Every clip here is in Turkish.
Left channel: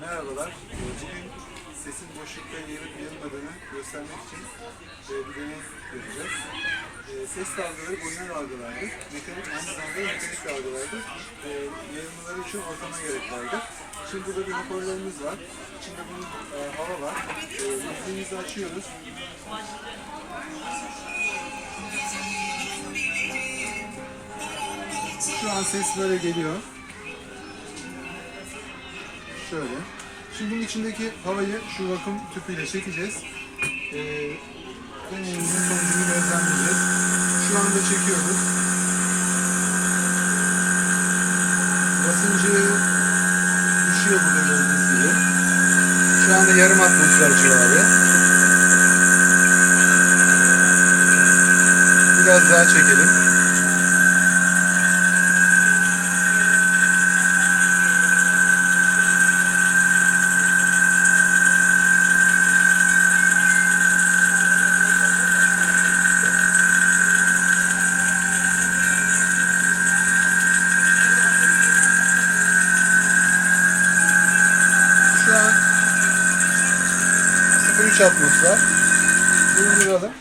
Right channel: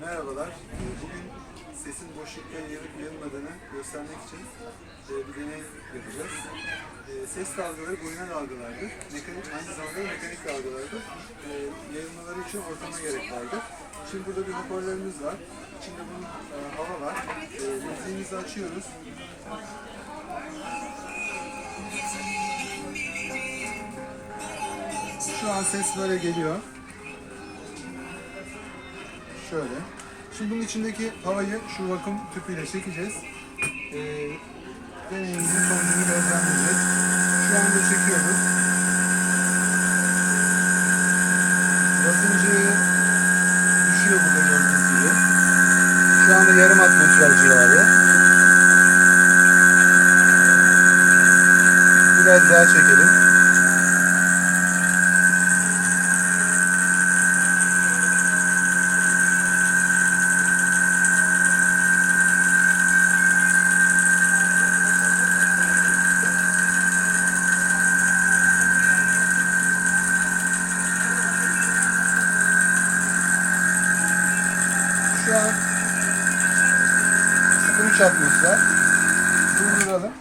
Merhabalar. Ee, Bugün sesin boşlukta yanıp yanmadığını göstermek için e, bir deney yapacağız. E, Ses dalgaları boyuna dalgalardır. Mekanik, aynı zamanda mekanik dalgalardır. E, Yayılmaları için ortama gerek vardır. Şimdi burada bir hoparlörümüz var. İçinde bunun hava var. Müziğimizi açıyoruz. Şu an ses böyle geliyor. Şöyle. Şimdi bunun içindeki havayı şu vakum tüpüyle çekeceğiz. Ee, deneyimizin sonucunu gözlemleyeceğiz. Şu anda çekiyoruz. Basıncı düşüyor burada gördüğünüz gibi. Şu anda yarım atmosfer civarı. Biraz daha çekelim. An 0.3 atmosfer. Durduralım.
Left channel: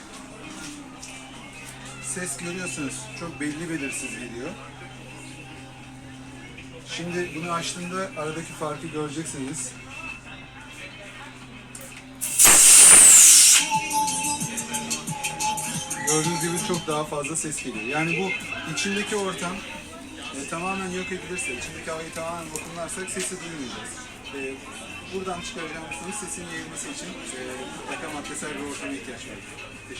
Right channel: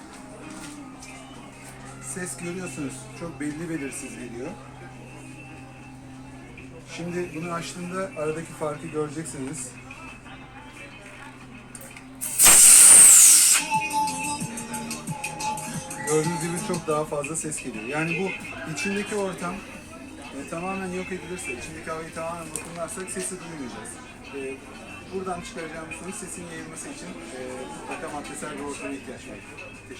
Ses görüyorsunuz. Çok belli belirsiz geliyor. Şimdi bunu açtığımda aradaki farkı göreceksiniz. Gördüğünüz gibi çok daha fazla ses geliyor. Yani bu içindeki ortam e, tamamen yok edilirse, içindeki havayı tamamen vakumlarsak sesi duymayacağız. E, buradan çıkaracağımız sonuç sesin yayılması için e, mutlaka maddesel bir ortama ihtiyaç var.